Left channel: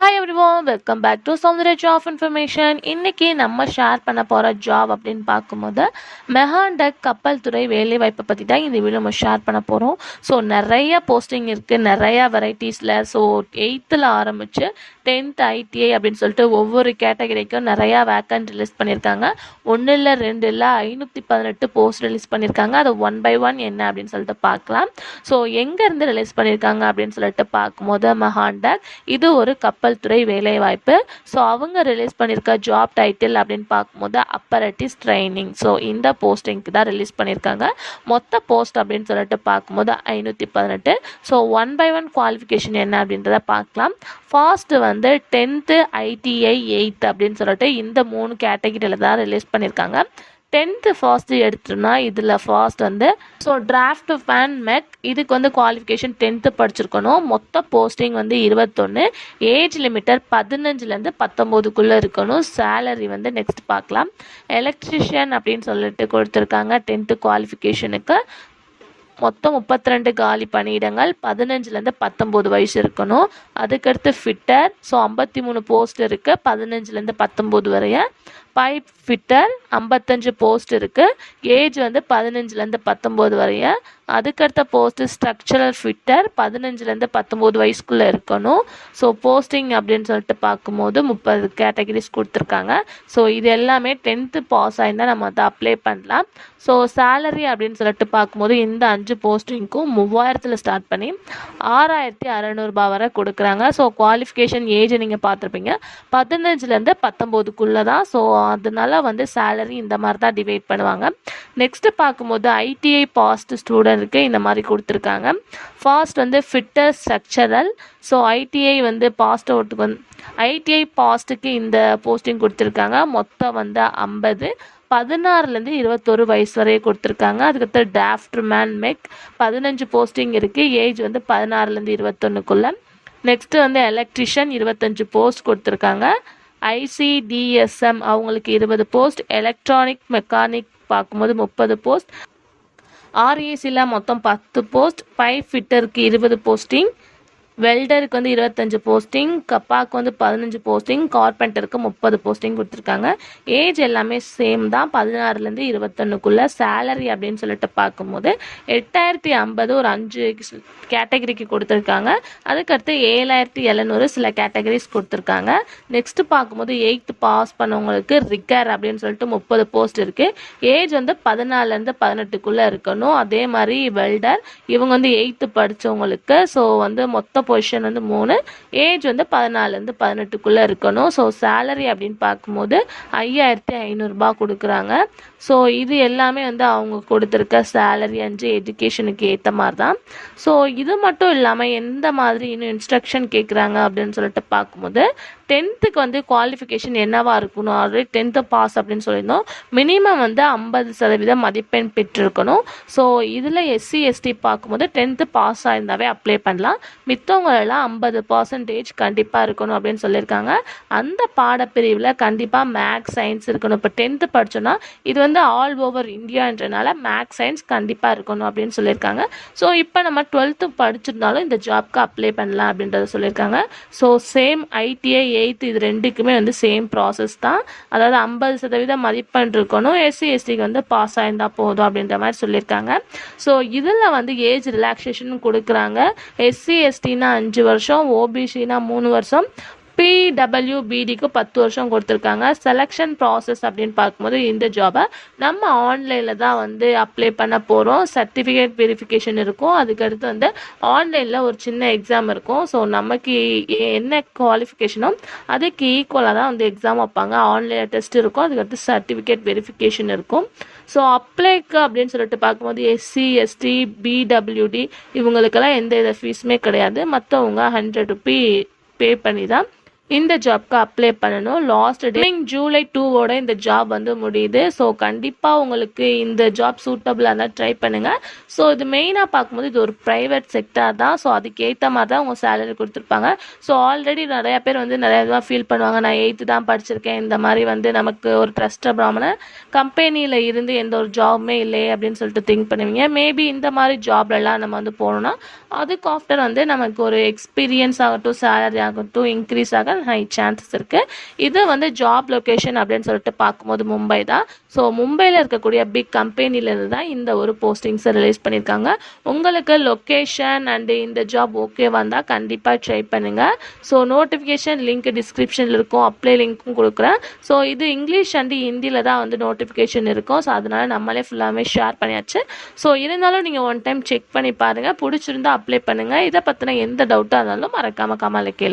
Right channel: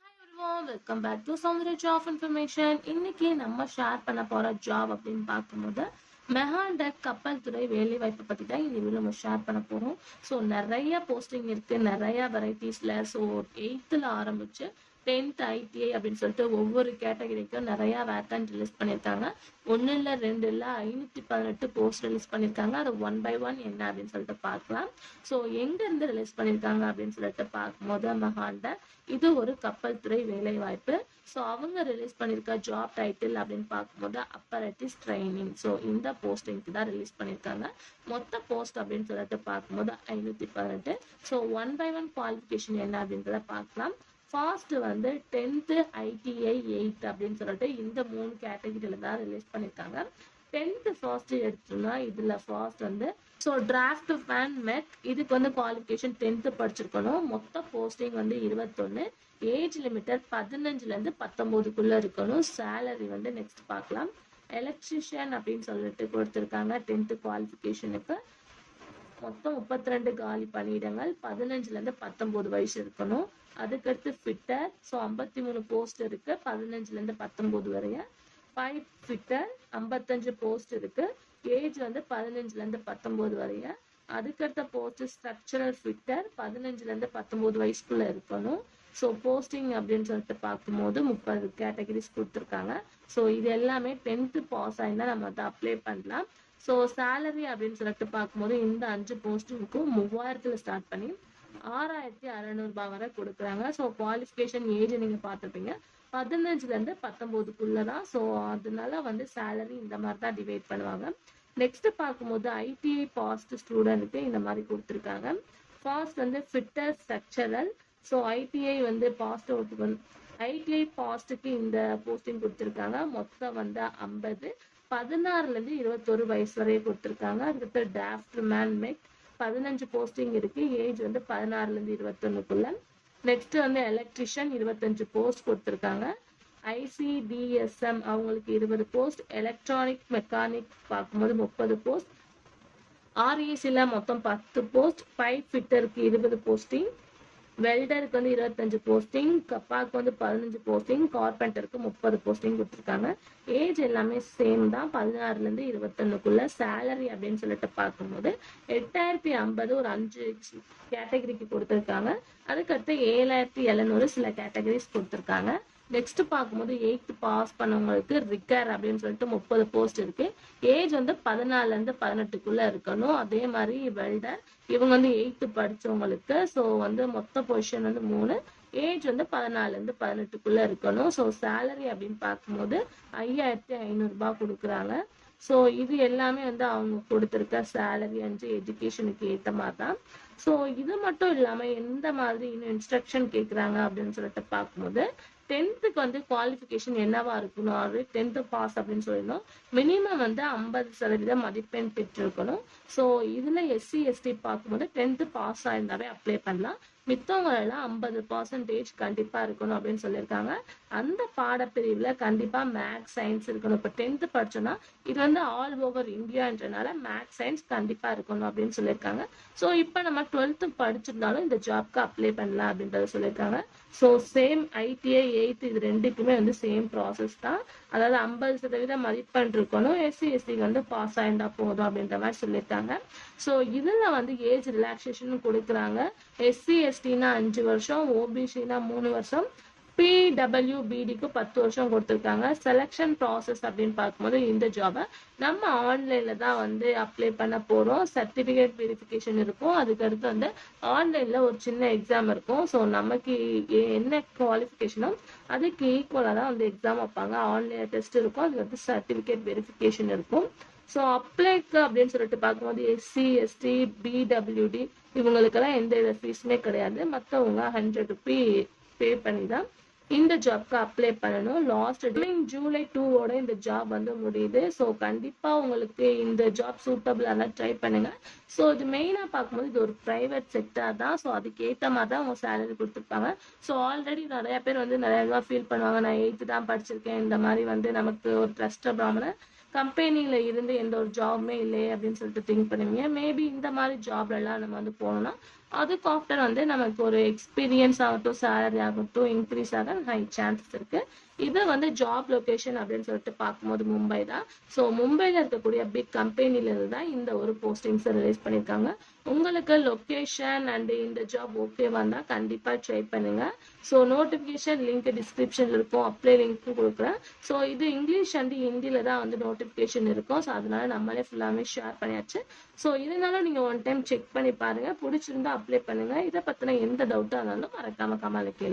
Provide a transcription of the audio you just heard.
Hi everyone welcome back to Soundarya job information இன்னைக்கு நம்ம share பண்ண போகிற ஜாப் அப்படின்னு பார்க்கும்போது மெஹாண்டக் கப்பல் துறை வேலைவாய்ப்பை பற்றி தான் இந்த வீடியோ நம்ம ஷேர் பண்ண போகிறோம் ஸோ நிறைய போஸ்டிங் இருக்குது நிறையா வெரைட்டிஸில் ஸோ எயித்தில் ஆரம்பித்து டென்த் ஐடிஐ அப்படின்னு சொல்லிட்டு ஒவ்வொரு கேட்டகரிக்கும் நிறையா வேக்கன்ட் ரிலீஸ் பண்ணியிருக்காங்க. ஒன்று இல்லை ரெண்டு இல்லை ஐநூற்றி பதினெட்டு போஸ்ட் ரிலீஸ் பண்ணியிருக்காங்க. அது ஒன் பை ஒன் என்ன அப்படின்னு சொல்லிட்டு பார்க்கலாம். ஸோ எங்கேருந்து ரிலீஸ் பண்ணியிருக்காங்க அப்படின்னு சொல்லிட்டு பார்க்கும்போது மெஹாண்டக் இது ஒரு கப்பல் துறை வேலைவாய்ப்பு. ஸோ அவங்க ரிலீஸ் பண்ணியிருக்க ஜாப் டைட்டில் அப்படின்னு பார்க்கும்போது அப்பரட்டிஸ் ட்ரைனிங் ஸோ இந்த போஸ்டிங்க்கு தான் ரிலீஸ் பண்ணியிருக்காங்க மொத்த போஸ்ட் அப்படின்னு சொல்லிட்டு பார்க்கும்போது ஐநூற்றி பதினெட்டு. So one by one qualification என்ன அப்படின்றத பார்க்கலாம். ஃபாஸ்ட்டு வந்து டென்த்து ஐடிஐ எயித் அப்படின்னு சொல்லிட்டு இந்த மூணு கேட்டகிரியில் தான் ரிலீஸ் பண்ணியிருக்காங்க டென்த்து ஃபாஸ்ட்டு எடுத்தோம்னா இதில் ஃபாஸ்ட் வந்து ஸோ டிராஃப்ட் ஃபேன் மெக் இதுக்கு வந்து குவாலிஃபிகேஷன் டென்த்து படிச்சிருக்கணும். மொத்த போஸ்டிங் வந்து இருபத்தொன்று ஏஜ் லிமிட்டர் பதினஞ்சுலேருந்து பத்தொம்போதுக்குள்ளே இருக்கணும். சேலரி வந்து நெக்ஸ்ட் பார்க்கலாம். எலக்ட்ரிஷியன் அப்படின்னு சொல்லிட்டு கொடுத்துருக்காங்க டென்த்து குவாலிஃபிகேஷனுக்கு மொத்தம் முப்பத்தி ரெண்டு காலி பணியிடங்கள் பதினஞ்சுலேருந்து பத்தொம்போது வயசு இருக்கணும். அதுக்கடுத்து ஃபிட்டர் ஸோ ஐம்பத்தி மூணு போஸ்ட் இருக்குது பதினஞ்சுலேருந்து பத்தொம்போது வரைய. பைப் ஃபிட்டர் ஐம்பத்தஞ்சு போஸ்ட் இருக்குது ஏஜ் வந்து பதினஞ்சுலேருந்து பத்தொம்போது வரைய அதுக்கடுத்த போஸ்ட்டு ஸ்ட்ரக்சரல் ஃபிட்டர் பதினஞ்சுலேருந்து பத்தொம்போது வயசுக்குள்ளே இருக்கணும். ஸோ போஸ்டிங் அப்படின்னு சொல்லிட்டு பார்க்கும்போது முப்பது கேட்டகரிஸ் கொடுத்துருக்காங்க. ஸோ இது எல்லாமே டென்த்து பாஸ் ஆயிருந்தால் நம்ம அதை அப்ளை பண்ணலாம். ஸோ சேலரி அப்படின்னு சொல்லிட்டு பார்க்கும்போது இந்த அஞ்சு போஸ்டிங்க்கும் மூவாயிரத்தில் ஸ்டார்ட் பண்ணி ஆறாயிரத்தி அறநூறுபா வரை கொடுக்குறாங்க. ஸோ குவாலிஃபிகேஷன் ஏஜ் நீங்கள் பார்த்துருப்பீங்க. பதினஞ்சுலேருந்து பத்தொம்போதுக்குள்ளே தான் ஸோ அதனால வந்து சேலரி இந்த மாதிரி தான் டிவைட் பண்ணுவாங்க. நெக்ஸ்ட்டு பார்க்கும்போது ஐடிஐ பாஸ்ட் ஸ்டூடெண்ட்டுக்கு இந்த மாதிரி கொடுத்துருக்காங்க. ஃபாஸ்ட் வந்து ஃபிட்டர் ஸ்ட்ரக்சரல் ஸோ ஐடிஐ வந்து பாஸ்ட் அவுட்டுக்கு வந்து ஐடிஐ பாஸ்ட்டுக்கு இந்த போஸ்டிங் கொடுத்துருக்காங்க. மொத்தம் வந்து ஐம்பது. பதினாறுலேருந்து இருபத்தொரு வயசு வரையும் கொடுத்துருக்காங்க. அதுக்கடுத்து டாஃப்டர் மேன் மெக் பதினஞ்சு போஸ்டிங் இருக்குது ஏஜ் வந்து பதினாறுலேருந்து இருபத்தொன்னுக்குள்ளே. நெக்ஸ்ட்டு வந்து எலக்ட்ரிஷியன் இருபத்தஞ்சு போஸ்ட் கொடுத்துருக்காங்க. ஐசிடிஎஸ்எம் அவங்களுக்கு இருபது போஸ்ட் எலக்ட்ரானிக் மெக்கானிக் பார்க்கும்போது முப்பது போஸ்ட் ஆர்ஏசியில் மொத்தம் பத்து போஸ்ட் பைப் ஃபிட்டருக்கு இருபது போஸ்டிங் வெல்டருக்கு வந்து இருபத்தஞ்சு போஸ்டிங் கப்பாக்கு வந்து பதினஞ்சு போஸ்டிங் கார்பெண்டருக்கு முப்பது போஸ்டிங் கொடுத்துருக்காங்க. ஏஜ் எல்லாமே சேம் தான். பதினாறுலேருந்து இருபத்தொன்னுக்குள்ளே சேலரி அப்படின்னு சொல்லிட்டு பார்க்கும்போது எட்டாயிரத்தி ஐம்பது ஒரு அஞ்சு கேட்டகரிக்கு கொடுத்துருக்காங்க. அதுக்கடுத்து ஏழாயிரத்தி எழுநூறு சில கேட்டகரிஸ் கொடுத்துருக்காங்க. நெக்ஸ்ட்டு பார்க்கும்போது எயித்து பாஸ் பண்ணவங்களுக்கு ரிக்கர் அப்படின்னு சொல்லிட்டு முப்பது போஸ்ட் இருக்குது ஏஜ் வந்து பதினாலேருந்து பதினெட்டுக்குள்ளே இருக்கணும். அதே மாதிரி வெல்டர் இவங்க வந்து எயித்து படித்தவங்களுக்கு ஸோ வந்து மொத்த பொசிஷன் வந்து மூணு ஏஜ் வந்து பதினாலேருந்து பதினெட்டுக்குள்ளே இருக்கணும். ஸோ சேலரி அப்படின்னு பார்க்கும்போது ஐயாயிரத்தி ஐநூறுரூபா கொடுக்குறாங்க. ஸோ இது எல்லாமே வந்து அவங்க கொடுத்துருக்க சேலரி அஞ்சு எஜுகேஷனுக்கு ஏற்ற மாதிரி தான் ஸோ இது மட்டும் இல்லாமல் எந்த மாதிரி இன்னும் இன்ஸ்ட்ரக்ஷன் கேட்குறாங்க அப்படின்னு சொல்லிட்டு பார்க்கும்போது டென்த்துக்கு வந்து குவாலிஃபிகேஷன் என்னவா இருக்கணும்? ஆல்ரெடி டென்த்து பாஸ் அப்படின்னு சொல்லியிருந்தோம். மினிமம் வந்து ஐம்பது சதவீதம் மதிப்பெண் பெற்றிருக்கணும். ஸோ இதில் எஸ்சி எஸ்டி பார்க்கும்போது டென்த்து பாஸ் ஆயிருந்தாவே அப்ளை பண்ணலாம். மற்றவங்களெல்லாம் ஐம்பது பர்சன்டேஜ் கண்டிப்பாக இருக்கணும் அப்படின்னு சொல்லியிருக்காங்க. அந்த பாடப்பிரிவில் கண்டிப்பாக மேக்ஸ் சயின்ஸ் இருக்கணும். இப்போ டென்த்து படித்தோன்னா இது வந்து ஆல் ஓவர் இந்தியான்றனால மேக்ஸ் சயின்ஸ் கண்டிப்பாக இருக்கணும் அப்படின்னு சொல்லியிருக்காங்க. ஸோ இப்போ நம்ம டுவெல்த்து படிச்சிருந்தாலும் இந்த ஜாப்க்கு அப்ளை பண்ணலாம் அப்படின்றத சொல்லியிருக்காங்க. ஸோ சேம் ஐடிஐ எயித்து இது ரெண்டுக்குமே வந்து சேம் ப்ராசஸ் தான். அதாவது ஐம்பது சதவீதம் மதிப்பெண் இருக்கணும். எஸ்சி எஸ்டிக்கு வந்து பாஸ் ஆயிருந்தால் போதும் அப்படின்ற மாதிரி சொல்லியிருக்காங்க. ஸோ இதில் வந்து ஏஜ் ரிலாக்ஸேஷன் கொடுக்குறாங்க. எஸ்சி எஸ்டினா அஞ்சு வருஷம் ஓபிசினா மூணு வருஷம் பிடபிள்யூபிடிக்கு பத்து வருஷம் கொடுத்துருக்காங்க. செலெக்ஷன் ப்ராசஸ் அப்படின்னு பார்க்கும்போது இந்த ஜாபை நம்ம ஆன்லைனில் தான் வந்து அப்ளை பண்ண போகிறோம் சர்டிஃபிகேட் வெரிஃபிகேஷன் இருக்கும். அதுக்கடுத்து வந்து ஆன்லைனில் ஒரு சின்ன எக்ஸாம் இருக்கும். ஸோ நமக்கு என்ன குவாலிஃபிகேஷனோ அதுக்கு ஈக்குவலாக தான் வந்து எக்ஸாம் வைப்பாங்க. ஆன்லைனில் டெஸ்ட் இருக்கும். அதுக்கடுத்து சர்டிஃபிகேட் வெரிஃபிகேஷன் இருக்கும். ஸோ அப்ளைக்கு அப்படின்னு சொல்லிட்டு பார்க்கும்போது எஸ்சி எஸ்டி பிடபிள்யூடி இவங்களுக்கெல்லாம் எந்த வித ஃபீஸுமே கிடையாது. மற்றவங்க ஹண்ட்ரட் ருபி பே பண்ணி தான் இந்த ஜாப்க்கு அப்ளை பண்ணணும். லாஸ்ட் டே ஜூலை டூவோட இந்த ஜாப் வந்து முடியுது. ஸோ கண்டிப்பாக உங்களுக்கு இந்த ஜாப் சூட்டபிளாக இருந்தால் ட்ரை பண்ணுங்கள் ஸோ இது மெயினாக பார்க்கும்போது இது ஒரு ப்ரைவேட் செக்டார் தான். ஸோ அதுக்கேற்ற மாதிரி தான் உங்கள் சேலரி கொடுத்துருப்பாங்க. ஸோ ஆல்ரெடி நிறையா பேர் வந்து நிறையா இதுவாக ஃபீல் பண்ணுவாங்க. நான் எயித்து தான் படிச்சிருக்கேன். இந்த மாதிரி வந்து நமக்கு ஒரு ட்ரஸ்ட் பிராமணன் கம்பெனியில் இருந்து எந்த ஒரு ஜாபுமே இல்லையே அப்படின்னு சொல்லிட்டு திங்க் பண்ணுவீங்க. மேபி இந்த மாதிரி ஜாப்லலாம் நம்ம வந்து போனோம்னா அதுக்கு ஆஃப்டர் வந்து நமக்கு ஒரு எக்ஸ்பீரியன்ஸ் ஆகட்டும் சேலரி ஆகட்டும் இன்க்ரீஸ் ஆக ஹை சான்சஸ் இருக்குது இது வந்து ஜாப் லொக்கேஷன் அப்படின்னு சொல்லிட்டு பார்க்கும்போது மும்பை தான். ஸோ மும்பையில் இருக்கக்கூடிய பிக் கம்பெனிலேருந்து தான் இந்த ஒரு போஸ்டிங்ஸை ரிலீஸ் பண்ணியிருக்காங்க. உங்களுக்கு லொக்கேஷன் அண்டு இந்த ஜாப் ஓகே வந்தால் கண்டிப்பாக ட்ரை பண்ணுங்கள் ஸோ நோட்டிஃபிகேஷன் லிங்க் டிஸ்கிரிப்ஷனில் இருக்கும். அப்ளை லிங்க்கும் கொடுக்குறேன். ஸோ இது இங்கிலீஷ் அண்டு ஹிந்தியில் தான் வந்து நோட்டிஃபிகேஷன் இருக்கும். ஸோ அதனால் நம்மளே ஃபுல்லாமே ஷேர் பண்ணியாச்சு. ஸோ இருந்தாலும் நீங்கள் ஒன் டைம் செக் பண்ணி பாருங்கள் பிடிச்சிருந்தா அப்ளை பண்ணுங்கள் இதை பற்றின எந்த டவுட்டாக இருந்தாலும் மறக்காமல் கமலை கேளு